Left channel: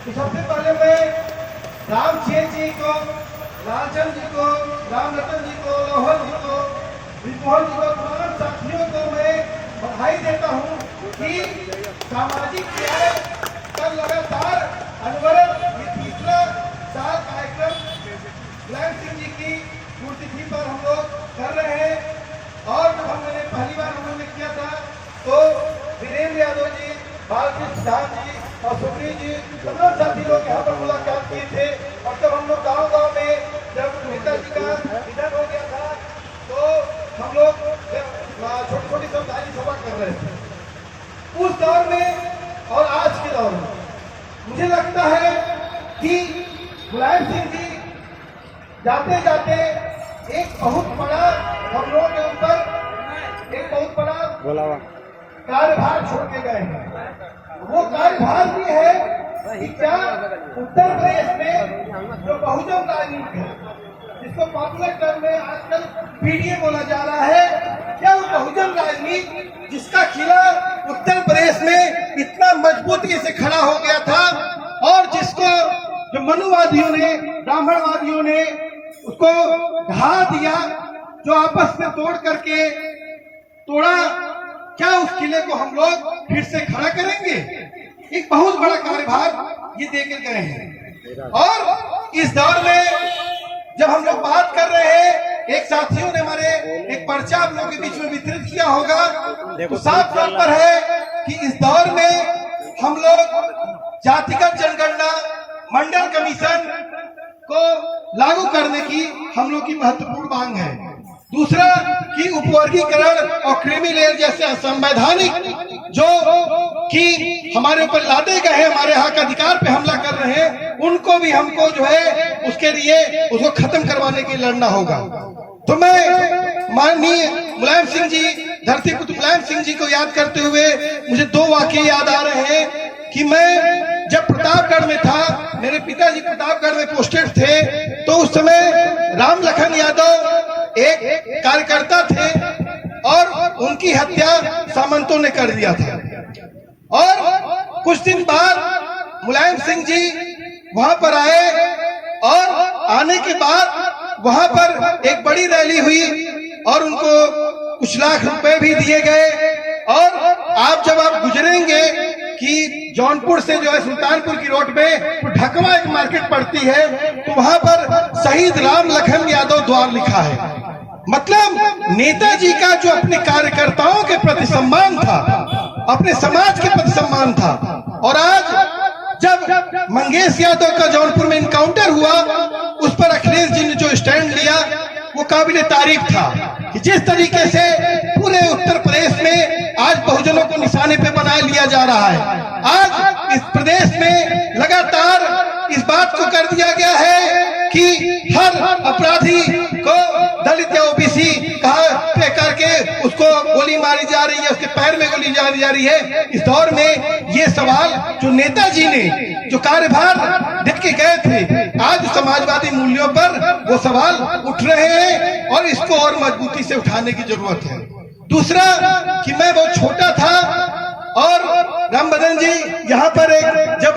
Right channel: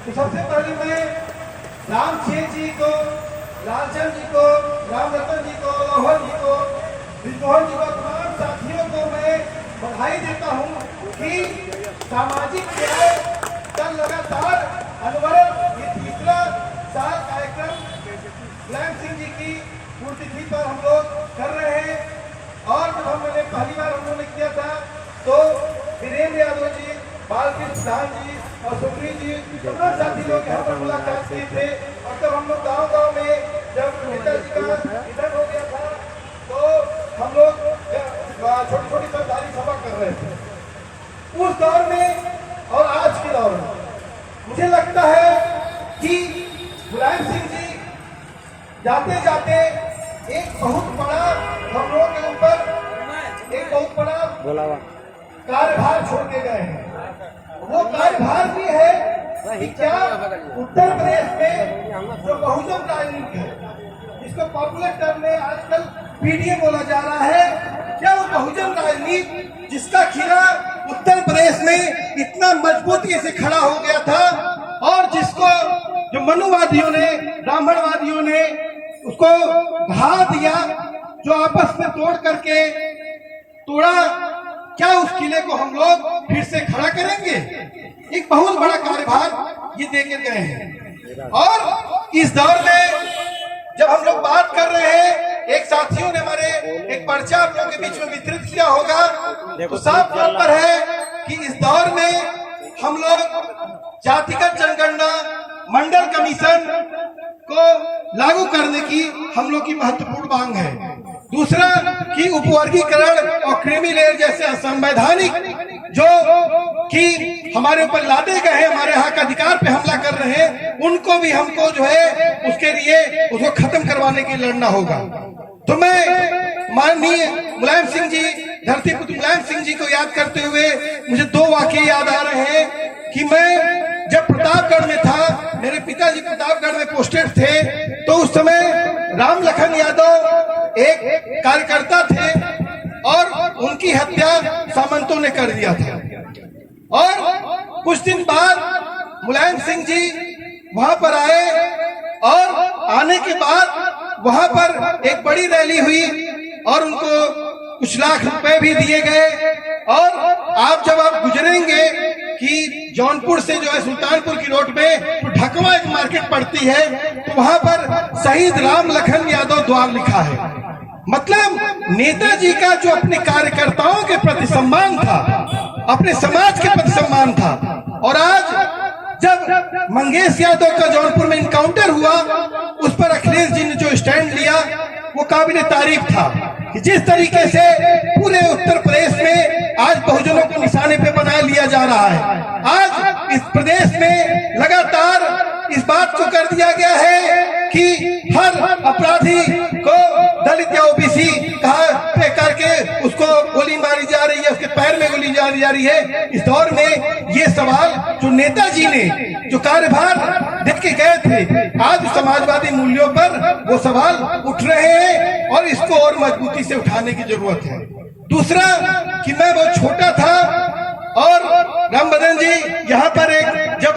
तो सबसे पहले मैं राम चेत जी को, लालचंद जी को, राम रतन जी को, रोहन जी को, विमोहन जी को, तमाम साथियों को मैं बधाई देता हूँ कि सामाजिक न्याय का लगातार अनवरत ये तीसरा साल कार्यक्रम मुलायम सिंह जी की पुण्यतिथि पर हम लोग कर रहे हैं। और जब मैंने पहली बार हम लोगों ने किया था तो वीरेंद्र यादव जी, बालकृष्ण प्रधान जी और सुप्रीत जी, तमाम साथी लोग यहाँ पर मुलाकात किए थे। और तब हम लोग गाँव में जब नेताजी का निधन हो गया था तो हम लोग छोटी छोटी सरकारी सभा कर रहे थे। उस दौर में और आज के दौर में मुझे लगता है कि मुलायम सिंह जी जाते जाते एक बहुत बड़ा हम लोगों के ऊपर एक बहुत बड़ा कार्यभार छोड़ के गए हैं। वो कार्यभार भी है कि क्या उत्तर प्रदेश में जो बहुजन राजनीति है, जिसको पॉपुलर टर्म में आजकल पीडीए बोला जा रहा है, क्या वो बहुजन राजनीति जिसका खिला उत्तर प्रदेश में इतना मजबूती से खड़ा हो गया था और जिसको जो मनुवादियों ने, ब्राह्मणवादियों ने उसको ढहा दिया, जो आपस में तोड़ करके तोड़ा, क्या उस किले को हम लोग फिर से खड़ा करेंगे? एक बहुत बड़ा कार्यभार ये देकर गए हैं। और इस दौर में जब हम लोग बात कर रहे हैं, एक साथियों ने हमारे एक पर्चा आप लोगों के बीच में वितरित किया होगा, तो साफ तौर पर है कि इस दौर में हम लोग जातिगत जनगणना, मंडल कमीशन को लागू करने की हम लोग की महत्वपूर्ण मांग है। दूसरा कि उपवर्गीकरण और क्रीमी लेयर जैसे असंवैधानिक जो कि हमारे ऊपर लादे गए हैं, हमारे हक अधिकार पे हमला कर रहे हैं, उनको भी हमको जो है उसके लिए उसको खत्म करवाने के लिए लड़ना होगा। तो मैं माननीय मुलायम सिंह जी, धरती पुत्र मुलायम सिंह जी को याद करते हुए मुझे दो वाकये याद आ रहे हैं कि मैं जब प्रतापगढ़ में था, मेरे पिताजी प्रतापगढ़ में पोस्टेड थे, तो उस समय राम लखन यादव एक कार्यकर्ता थे और उनकी हत्या सामंतों ने कर दिया था। और कुछ दिन बाद मुलायम सिंह जी वहां पर आए और आने के बाद वहां पर एक बड़ी रैली हुई और उनको कुछ लाख रुपए भी दिए गए। और आप जब आप गुजरेंगे कि जौनपुर से जो है सुल्तानपुर की रोड पे तो ढकवा एक मार्केट पड़ती है, तो वहां पर शहीद राम लखन यादव द्वार लिखा है। मतलब नेताजी का जो अपने कार्यकर्ताओं के प्रति सम्मान था, अपने समाज के प्रति सम्मान था। और आज जब मंगेश यादव का जौनपुर में इनकाउंटर हुआ, उस पर अखिलेश जी ने जो स्टैंड लिया वो काबिल तारीफ था कि जिस तरीके से पूरे उत्तर प्रदेश में आज बहुजनों को निशाने पे बनाए लिया जा रहा है। आज इस प्रदेश में लगातार इस बात को कर दिया गया है कि हर अपराधी को दलित या ओबीसी पे करके उसको गोली मारी जा रही है, उसके पैर में गोली मारी जा रही है। इस दौर में ये सवाल जो नेताजी ने जो कार्यभार देख के गए थे, आज समाजवादी मूल्यों पर वो सवाल उठ रहे हैं और इसको और मजबूती से उठाने की जरूरत है। दूसरा कि मैं बहुत छोटा था और राम बदन जी यहाँ पर जब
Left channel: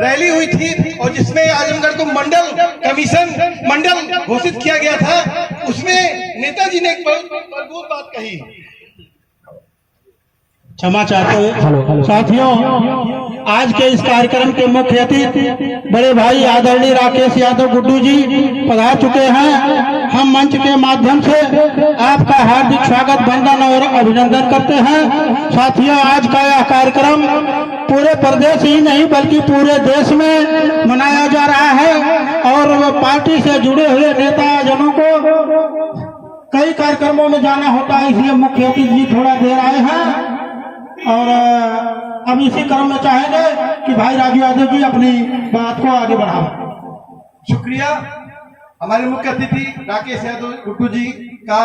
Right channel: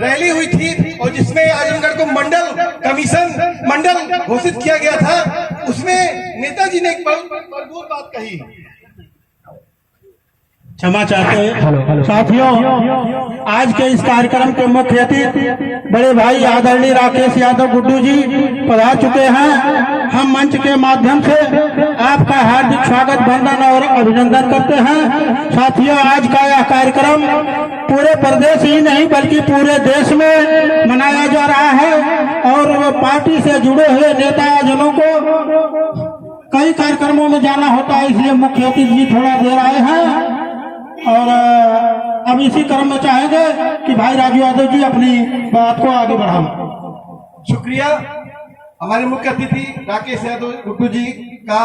रैली हुई थी और जिसमें आजमगढ़ को मंडल कमीशन मंडल घोषित किया गया था, उसमें नेताजी ने एक बहुत मजबूत बात कही। क्षमा चाहते साथियों, आज के इस कार्यक्रम के मुख्य अतिथि बड़े भाई आदरणीय राकेश यादव गुड्डू जी पधार चुके हैं। हम मंच के माध्यम से आपका हार्दिक स्वागत, वंदन और अभिनंदन करते हैं। साथियों, आज का यह कार्यक्रम पूरे प्रदेश ही नहीं बल्कि पूरे देश में मनाया जा रहा है और पार्टी से जुड़े हुए नेता जनों को कई कार्यक्रमों में जाना होता है, इसलिए मुख्य अतिथि जी थोड़ा देर आए हैं। और अब इसी क्रम में चाहेंगे कि भाई राजू यादव जी अपनी बात को आगे बढ़ाएं। शुक्रिया। हमारे मुख्य अतिथि राकेश यादव गुड्डू जी का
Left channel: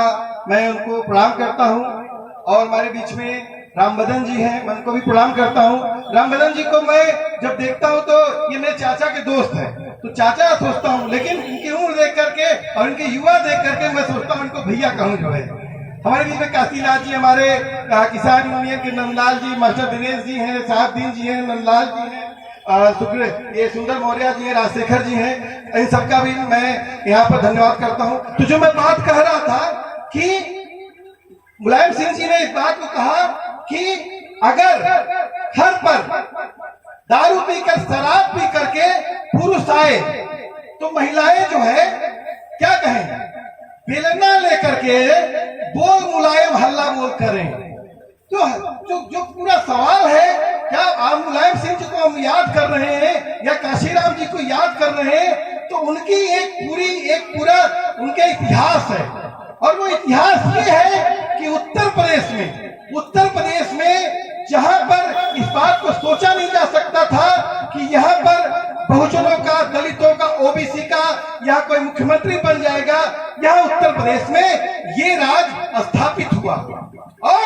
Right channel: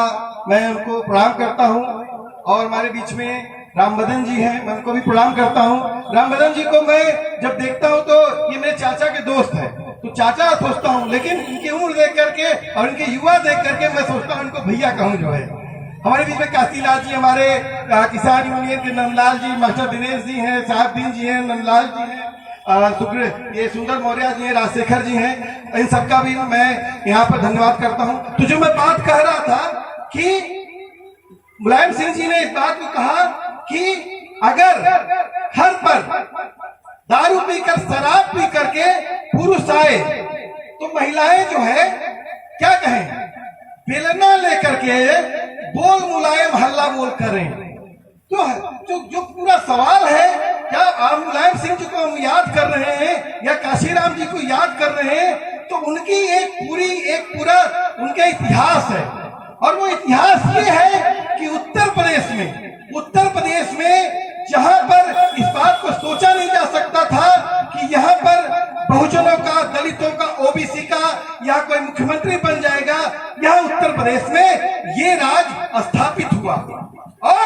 मैं उनको प्रणाम करता हूं और हमारे बीच में राम बदन जी हैं, मैं उनको भी प्रणाम करता हूं। राम बदन जी को मैं जब देखता हूं तो ये मेरे चाचा के दोस्त हैं, तो चाचा सोचता हूं, लेकिन इनकी उम्र देख करके और इनके युवा देख करके मैं सोचता हूं इनको भैया कहूं। जो है हमारे बीच में काशीलाल जी, हमारे किसान यूनियन के नंदलाल जी, मास्टर दिनेश जी हैं, साहबदीन जी हैं, नंदलाल जी हैं, ये सुंदर मौर्य जी हैं, राजशेखर जी हैं, इन सबका भी मैं यहाँ पर धन्यवाद करता हूँ। तो जो मैं बात कह रहा था कि मुलायम सिंह जी ने इस बात को कहा कि अगर घर पर दारू पीकर शराब पी करके पुरुष आए तो महिलाएं जो है क्या कहें, बेलना लेकर के बोल मुलायम हल्ला बोल करें। तो जो पूरा सवाल है, क्या आप मुलायम सिंह जी को हम याद कर रहे हैं या काशीराम जी को याद कर रहे हैं, तो उनकी एक पूरा उनका इतिहास है। और वो इतिहास ये है कि उत्तर प्रदेश में जहां पर इस बात को सोचा नहीं जा सकता था कि यहाँ पर बहुजनों का, दलितों का, ओबीसी का यहाँ कोई मुख्यमंत्री बन जाएगा, यहाँ उत्तर प्रदेश में ये राज स्थापित हुआ। और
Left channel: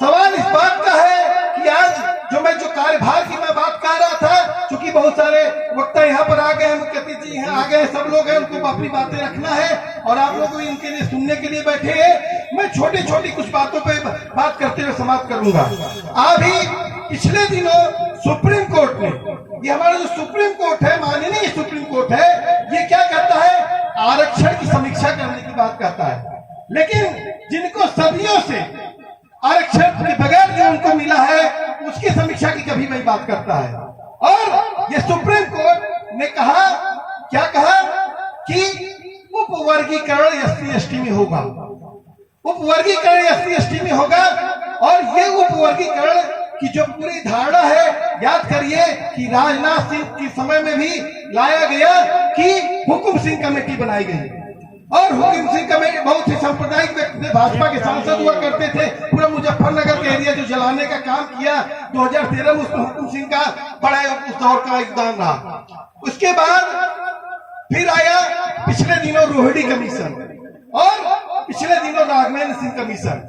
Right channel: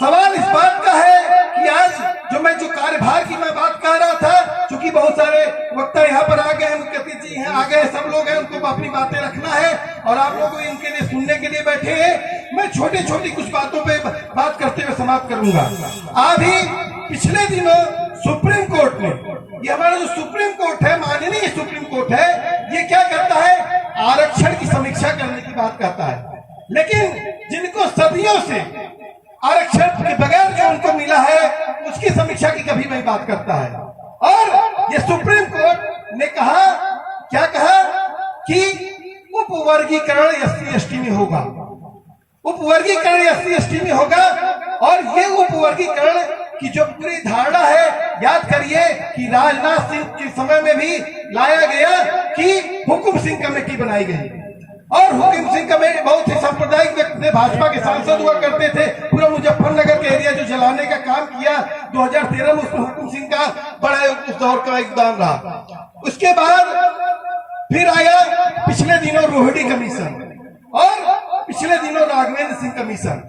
सवाल इस बात का है कि आज जो कार्यभार की मैं बात कर रहा था, क्योंकि बहुत सारे वक्ता यहाँ पर आ गए हैं, मुख्य अतिथि हैं आ गए, सब लोग हैं, उनको अपनी बातें रखना है और आप लोग भी इनके लिए सुनने के लिए बैठे हैं। मैं छोटी छोटी कुछ बातों पे बात करते हुए समाप्त करूंगा। अभी पिछले दिनों सुप्रीम कोर्ट ने, ये हमारा जो सुप्रीम कोर्ट है, माननीय सुप्रीम कोर्ट है, ये क्या करता है, आरक्षण की समीक्षा करने की बात करता है। लेकिन जिनको सदियों से आरक्षण के बगैर जो उनको मिला है, उसकी समीक्षा की कभी नहीं बात करता है। और ये सुप्रीम कोर्ट ने कहा, क्या कहा कि उपवर्गीकरण SC/ST में होगा, उपवर्गीकरण SC/ST में होगा। और ये उपवर्गीकरण की जो पूरी धारणा है, याद करिए कि राजनाथ सिंह के समय में भी लाया गया कि हुकुम सिंह कमेटी बनाई गई। और हुकुम सिंह कमेटी बहुत ही सांप्रदायिक व्यक्ति थे, भाजपा के सांसद हुआ करते थे, पूरा मुजफ्फरनगर के एरिया जो जलाने का काम किया 2013 में, उसमें हुकुम सिंह का बड़ा उस दौर का योगदान रहा। उसके बाद फिर आया पिछले दिनों रोहिणी कमीशन और पिछले दिनों राघवेंद्र सिंह कमीशन।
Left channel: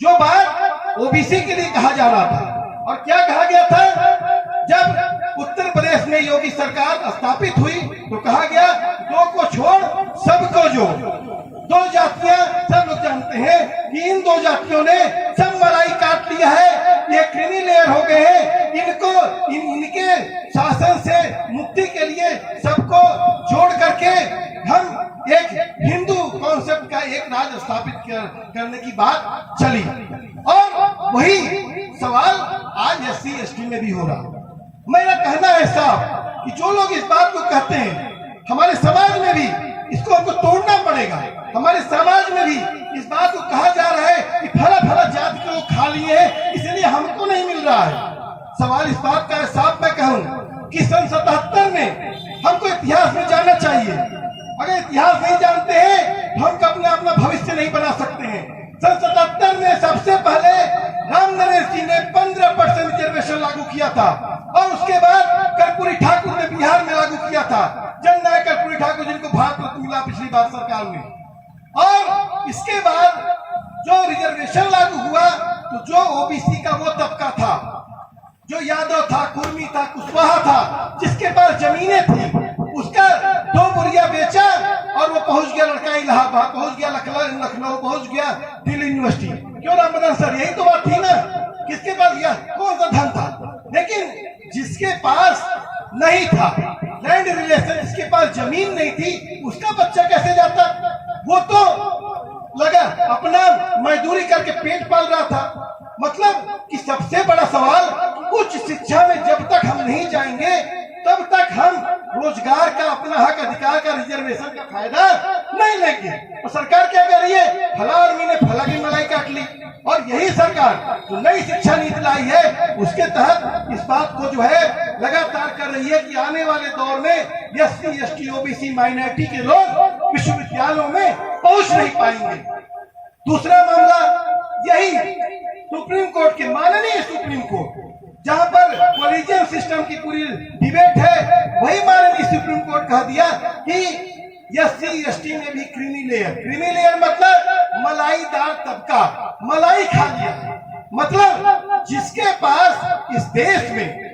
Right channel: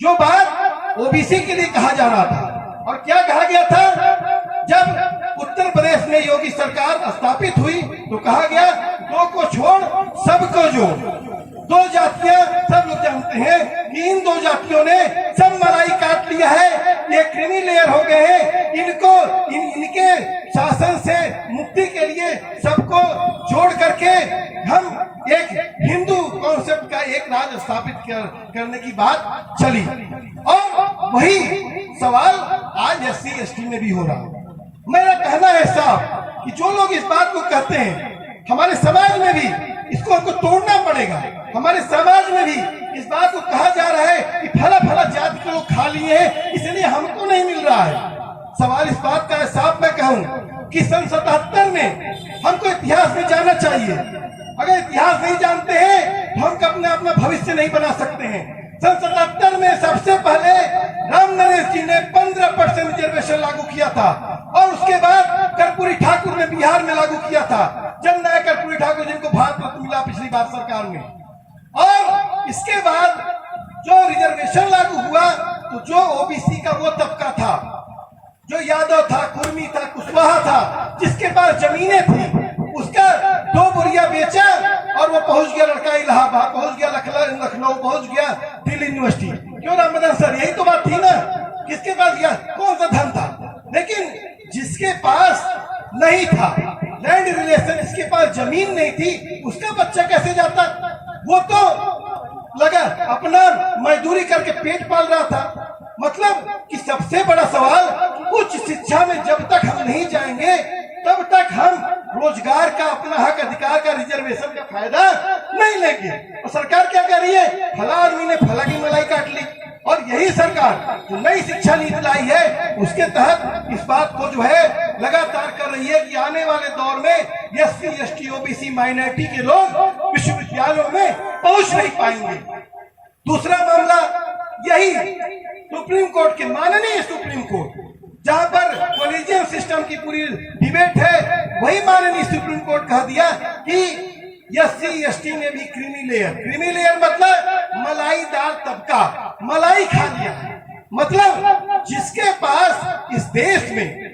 जो बात ओबीसी के लिए कहा जा रहा था, और क्या कहा गया था, जब उत्तर प्रदेश में योगी सरकार स्थापित हुई तो कहा गया दो को छोड़ सबको जोड़। दो जातियां सब लोग जानते हैं कि इन दो जातियों ने सब मलाई काट लिया है, ये क्रीमी लेयर हो गए हैं। इनको इनके शासन से मुक्ति के लिए सबको जोड़ करके हम एक हिंदू कॉन्सेप्ट का एक राज स्थापित करने की बात चली। और वही सवाल आज SC/ST में भी हो रहा। मेरा कहना है साहब कि जो लोग इस बात को कहते हैं, हमारे समाज में भी इसको हमको तोड़ना पड़ेगा। हमारे समाज में भी इस बात को कहा जा रहा है कि फला फला जाति के लोग खा लिए हैं, इसलिए हमको नहीं मिल रहा है। सवाल इस बात का है साहब, मैं कहूँ कि सन 77 में हमको इतिहास में जाना चाहिए। अगर इतिहास नहीं जानते हैं तो हम अपना भविष्य नहीं बना सकते हैं। सन 77 में सबसे पहले राम नरेश जी ने 15% रिजर्वेशन लागू किया था, और उसके बाद कर्पूरी ठाकुर ने बिहार में लागू किया था, जननायक कर्पूरी ठाकुर जिनको भारत रत्न मिला पिछली बार सरकार में। और इसके बाद जो रिजर्वेशन लागू हुआ तो जो ओबीसी का वो तबका था, जो यादव था, कुर्मी था, कुशवाहा था, जिसके पास जमीनें थी, उसका 2 बुरिया बेचा और वो पहुंच गया, लड़का इलाहाबाद पहुंच गया, लखनऊ पहुंच गया, दिल्ली यूनिवर्सिटी। क्यों रामबदन सर, यही तो बात थी ना, किसके पास गया, कौन सा धन था। लेकिन जिसके पास नहीं था लैंड रिलेशन, जिसके पास जमीन नहीं थी, उसका बच्चा कैसे जाता। वो तो लगा अपना मजदूरी करके पेट पाल रहा था। मतलब कि सबसे बड़ा सवाल, उच्च शिक्षा में जब तक हम नहीं जाएंगे तब तक हम रोजगार का, अपना हक अधिकार का, रिजर्वेशन का फायदा नहीं लेंगे। और सरकार क्या कर रही है, फला आदमी ने फला की मलाई काट ली। और यही सरकार जो नई शिक्षा नीति लाई है, उसके तहत इस बात को जो है लगातार कर रही है कि आने वाले दौर में SC/ST OBC माइनॉरिटी के लोग विश्वविद्यालयों में पहुंच नहीं पाएंगे। दूसरा मामला यही सुप्रीम कोर्ट के, माननीय सुप्रीम कोर्ट, जहां पर कॉलेजियम सिस्टम की पूरी डिबेट है, वही माननीय सुप्रीम कोर्ट कह दिया कि SC/ST में भी क्रीमी लेयर मतलब मलाईदार तबका, मलाई खा लिया। मतलब जिसके पास इस देश में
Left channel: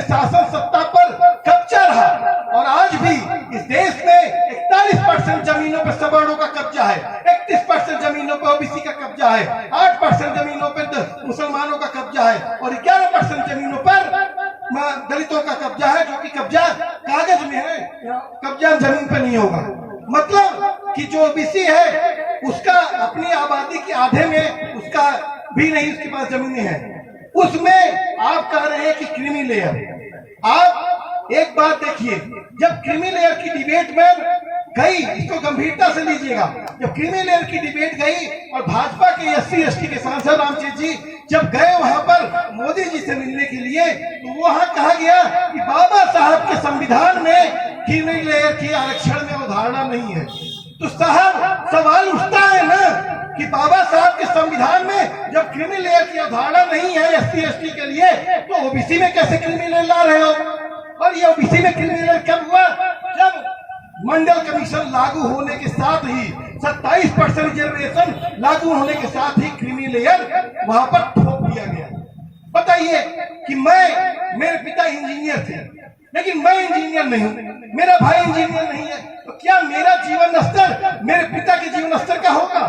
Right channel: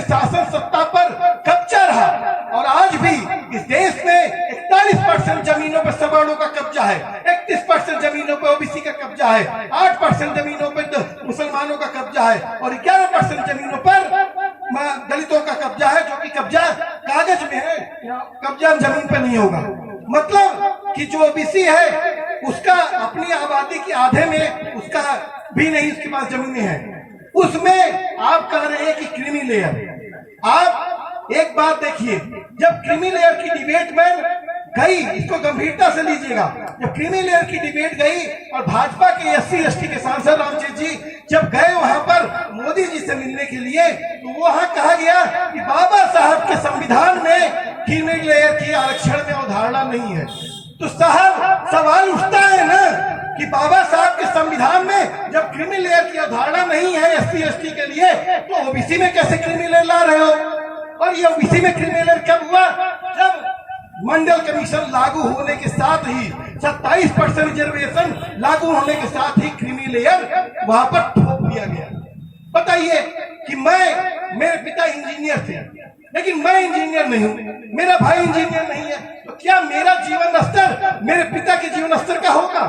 शासन सत्ता पर कब्जा रहा, और आज भी इस देश में 41% जमीनों पर सवर्णों का कब्जा है, 31% जमीनों पर ओबीसी का कब्जा है, 8% जमीनों पर मुसलमानों का कब्जा है, और 11% जमीनों पर दलितों का कब्जा है, जो कि कब्जा कागज में है, कब्जा जमीन पर नहीं होगा। मतलब कि जो ओबीसी है उसका अपनी आबादी के आधे में उसका भी नहीं, उसके पास जमीनें हैं। उसमें आप कह रहे हैं कि क्रीमी लेयर। आप एक बात देखिए, जब क्रीमी लेयर की डिबेट में गई, इसको गंभीरता से लीजिएगा, जब क्रीमी लेयर की डिबेट गई और भाजपा के SC/ST के सांसद रामचेत जी जब गए वहां पर मोदी जी से मिलने के लिए, तो वहां कहा गया कि बाबा साहब के संविधान में क्रीमी लेयर की आरक्षण में अवधारणा नहीं है। तो साहब सवाल उठता है ना कि बाबा साहब के संविधान में जब क्रीमी लेयर की अवधारणा नहीं है SC/ST के लिए, तो ओबीसी में कैसे क्रीमी लेयर ला रहे हो? और ये ओबीसी में क्रीमी लेयर कब हुआ? जब मंडल कमीशन लागू होने के साथ ही 27% रिजर्वेशन लागू होने के साथ ही क्रीमी लेयर वहां पर ठोक दिया गया। बताइए कि मेरे पिता इंजीनियर थे, लेकिन मैं इंजीनियर नहीं हूं, मेरा भाई इंजीनियर नहीं है, तो क्या मेरा जीवन स्तर मेरे पिता के जीवन स्तर का होगा?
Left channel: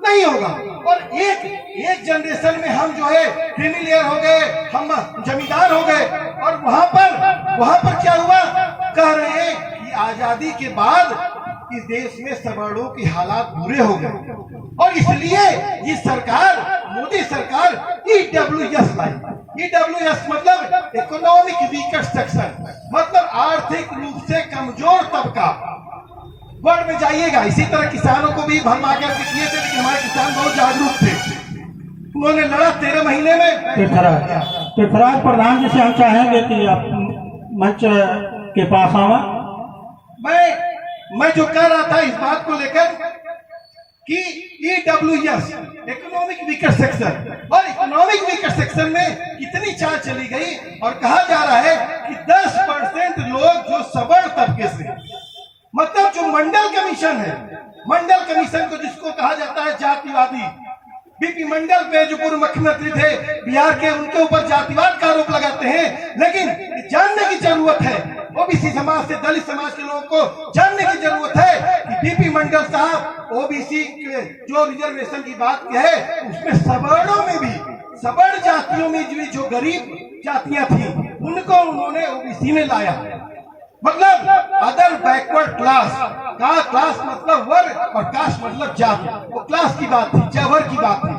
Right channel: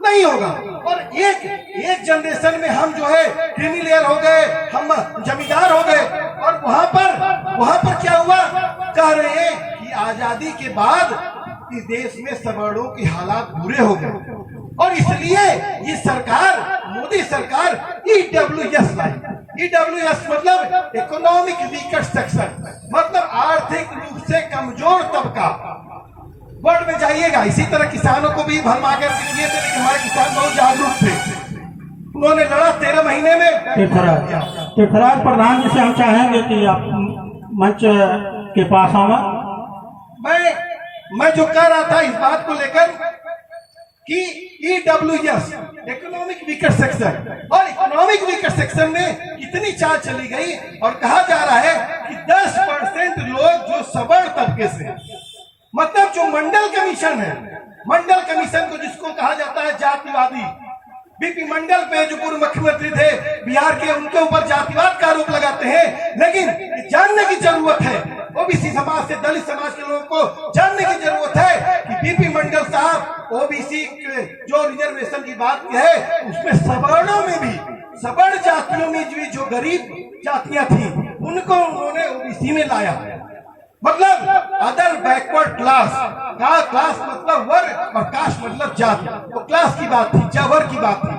नहीं होगा। और एक जनरेशन में हम जो है क्रीमी लेयर हो गए, हम जमींदार हो गए। और वहां पर क्या हुआ? कह रहे हैं कि आजादी के बाद इस देश में सवर्णों के हालात बुरे हो गए और इसलिए ये सरकार, मोदी सरकार EWS लाई। EWS मतलब इकोनॉमिक वीकर सेक्शन, मतलब आर्थिक रूप से कमजोर तबका। वर्ड में जाइएगा, इसी तरह किसानों को भी भरमा कर किए थे, लेकिन हमारे किसान बहुत जागरूक थे, उन्होंने लड़ा 13 महीने में। तीर्थराज प्रधान जी से हम चाहेंगे कि आप मंच के पास आवा। मैं जो कह रहा था इस बात को लेकर कि EWS इकोनॉमिक वीकर सेक्शन, और इकोनॉमिक वीकर सेक्शन में कितनी चाल चली गई और कहा जा रहा है कि 10% लोग जो सबड़ तबके से, मतलब जो मंडल कमीशन है, मंडल कमीशन को जिसको कहा जाता है जातिवादी, बीपी मंडल पे जो पूर्व मुख्यमंत्री थे बिहार के, उनके ऊपर जातिवाद का आरोप लगाते हैं। लेकिन जानने की जरूरत है, ओबीसी समाज से दलित समाज के लोगों को जानने की जरूरत है कि बीपी मंडल साहब ओबीसी जो रिजर्वेशन की बात है उसमें सवर्णों में भी, सबड़ जातियों में जो गरीब जातियां थी उनको उन्होंने ओबीसी में लाया। मतलब अदर बैकवर्ड क्लास का, क्लास मतलब वर्ग और कास्ट मतलब जाति, तो क्लास की बात थी, जबर की बात थी।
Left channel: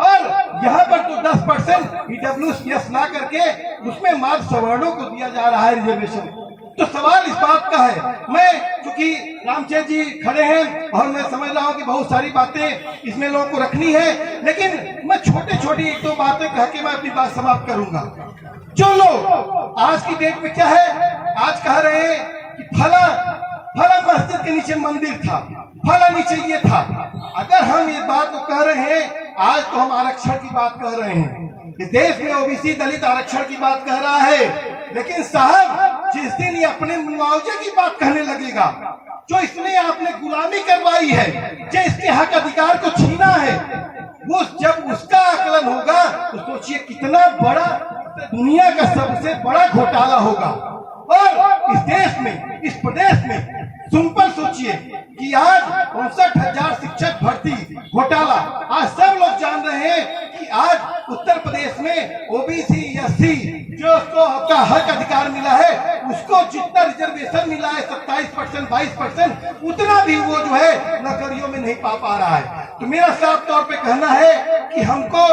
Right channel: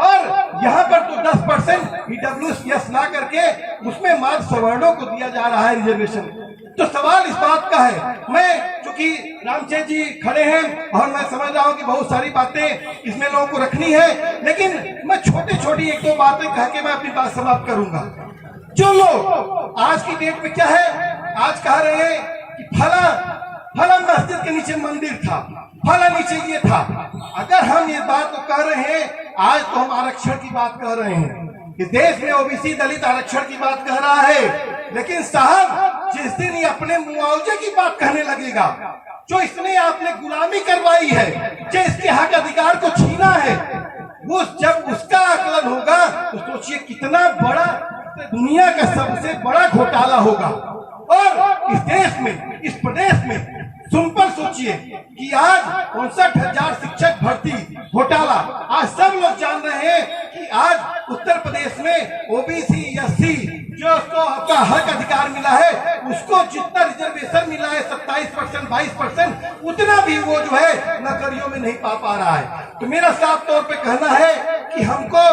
और यहाँ पर तो 10% EWS ला करके उसमें मात्र सवर्णों को दिया जा रहा है रिजर्वेशन। तो सवाल इस बात का है, मैं चूंकि रामचेत जी खड़े हैं और मैं समझ रहा हूँ कि बहुत सारी बातें इसमें लोगों को रखनी है, लेकिन मैं छोटी एक दो बातें कह के मैं अपनी बात समाप्त करूंगा। जो लोग आज की डेट में क्या है, आज कह रहे हैं कि फला मस्जिद के नीचे मंदिर था, फला नीचे ये था। अगर हम इस बात को कह रहे हैं, आज तो हम आरक्षण की बात कह रहे हैं कि देश में ओबीसी दलित आरक्षण की बात कह रहा है, लेकिन साहब जिस दिन ये अपने मुआवजे की बात कहने लगेगा, जो इसने आपने गुलामी करवाई है, जो इसके हक अधिकार को छीना है, वो जब उसका आकलन होगा तो सोचिए कितना बड़ा, दुनिया का सबसे बड़ा घोटाला होगा। और इस देश में, इस प्रदेश में सिंपल सोचिए कि आज 59,000 शिक्षक भर्ती घोटाला, आज सब लोग जान रहे हैं कि आज उत्तर प्रदेश में ओबीसी SC जो उसको आपका हक अधिकार मिला है, उसको जितना रिजर्वेशन मिला है 27%, 22%, उतना भी वो जो है नौकरियों में नहीं पा रहा है। तो मेरा साफ तौर पे कहना है कि हमको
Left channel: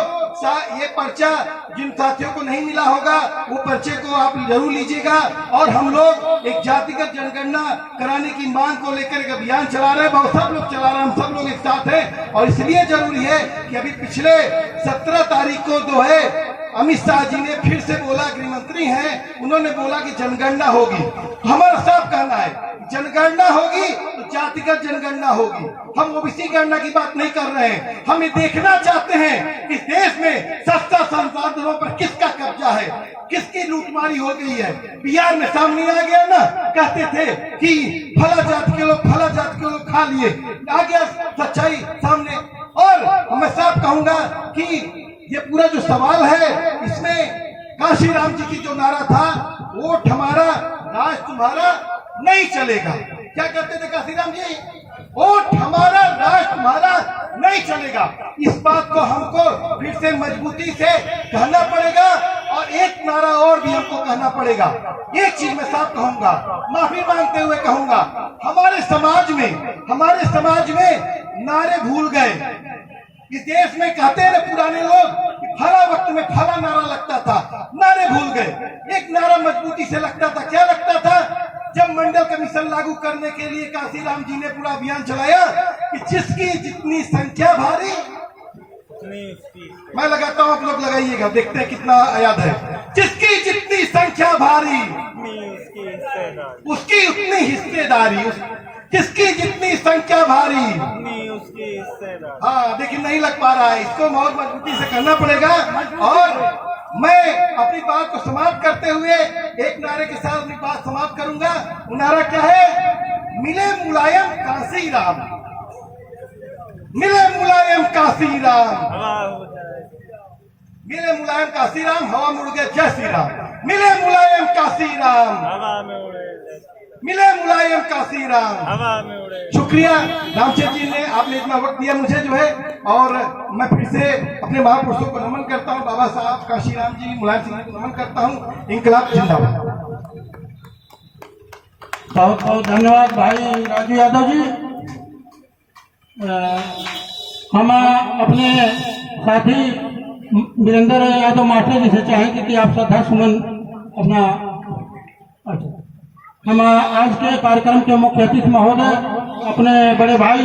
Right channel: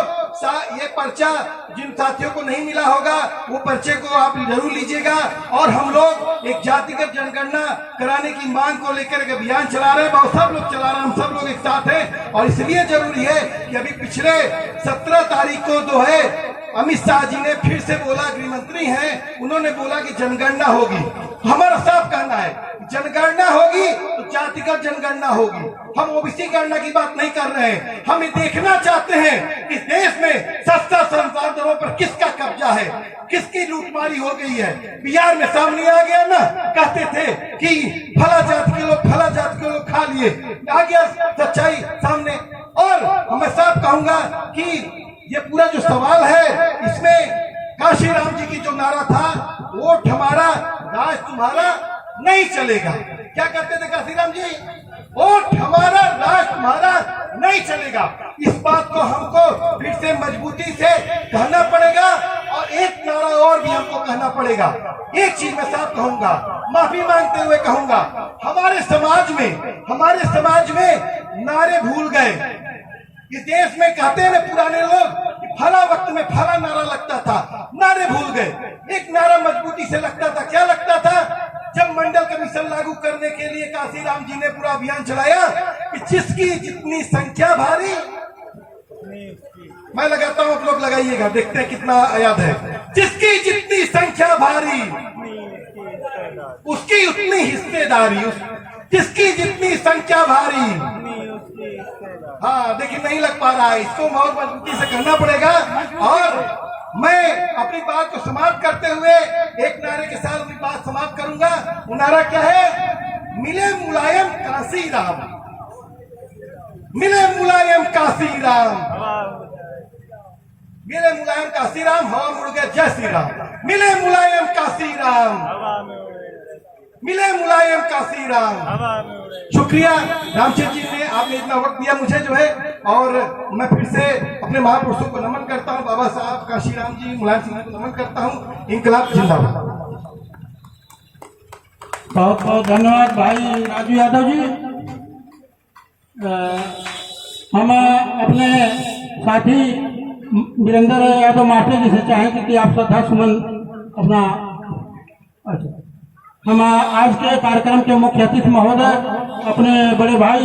ये पर्चा जिन साथियों को नहीं मिला होगा वो पर्चे को आप जरूर लीजिएगा। और हम लोग एक जातिगत जनगणना कराने की मांग को लेकर एक अभियान चला रहे हैं, बहुत सब लोग चला रहे हैं, हम सब लोग एक साथ हैं। और इसलिए जरूरी है कि अभी पिछले 17 तारीख को जो है अमित शाह जी ने फिर से बोला, गृह मंत्री हैं, उन्होंने बोला कि जनगणना होगी। हमारा साफ कहना है जनगणना होगी तो जातिगत जनगणना होगी, हम ओबीसी गणना की बात नहीं कर रहे हैं। हम ये देखना चाहते हैं कि देश में सस्ता संसाधनों पर किसका कब्जा है, किसकी लूटमारी हो गई है। बिहार में सामने आ गया ना, कहते थे कि फला जाति के लोग फला जाति के लोग खा लिए, आ गया सच्चाई सामने। और मैं साफ कहूंगा कि ये पूरा जो सवाल है इसमें काशी राम जी की जो नारा था, वोट हमारा राज तुम्हारा नहीं चलेगा। क्या कहते थे काशी राम जी? वोट हमारा, राष्ट्र हमारा नहीं चलेगा। इस बात को हमको फिर से मजबूती से कहना पड़ेगा और एक नारा और भी हमको कहना पड़ेगा। एक चीज मैं साफ कहूंगा, माफी मांगते हुए कहूंगा, हमारे समाज में नारे भूल गए। इस देश में कहते हैं ना पुराने लोग कि फला वक्त में फला नारा लगता था, नारे भूल गए। एक नारा मजबूती से लगता था, क्या लगता था? जब मंडल कमीशन लागू करने के लिए काशीराम जी ने पूरा अभियान चलाया कि जिसकी जितनी संख्या भारी, मैं लगाता हूं, आप लोग लगाइएगा, देखते हैं कितना याद है। जिसकी जितनी संख्या भारी उसकी उतनी हिस्सेदारी, जिसकी जितनी संख्या भारी। हाँ देखिए, नहीं लग पा रहा है, इसको बहुत मजबूती से करना पड़ेगा। और मैं अपनी बात को समाप्त करते हुए एक नारे के साथ अपनी बात समाप्त करूंगा। वो नारा क्या है? मिले मुलायम काशीराम, मिले मुलायम काशीराम, मिले मुलायम काशीराम, हवा मुड़ गया जय श्री राम। मिले मुलायम काशीराम, मिले मुलायम काशीराम। शुक्रिया रामचंद्र जी ने, आपने इतना वक्त दिया मुझे जो है। और मैं फिर से अपने महापुरुषों को नमन करता हूँ, बाबा साहब काशीराम जी, मुलायम सिंह जी को नमन करता हूँ। इंकलाब जिंदाबाद। बहुत बहुत धन्यवाद भाई राजू यादव जी। हम अपने साथी वीरेंद्र यादव मास्टर जी से चाहेंगे कि आप श्रद्धा सुमन अपना, अच्छा, हम आज के कार्यक्रम के मुख्य अतिथि महोदय अपने बड़े भाई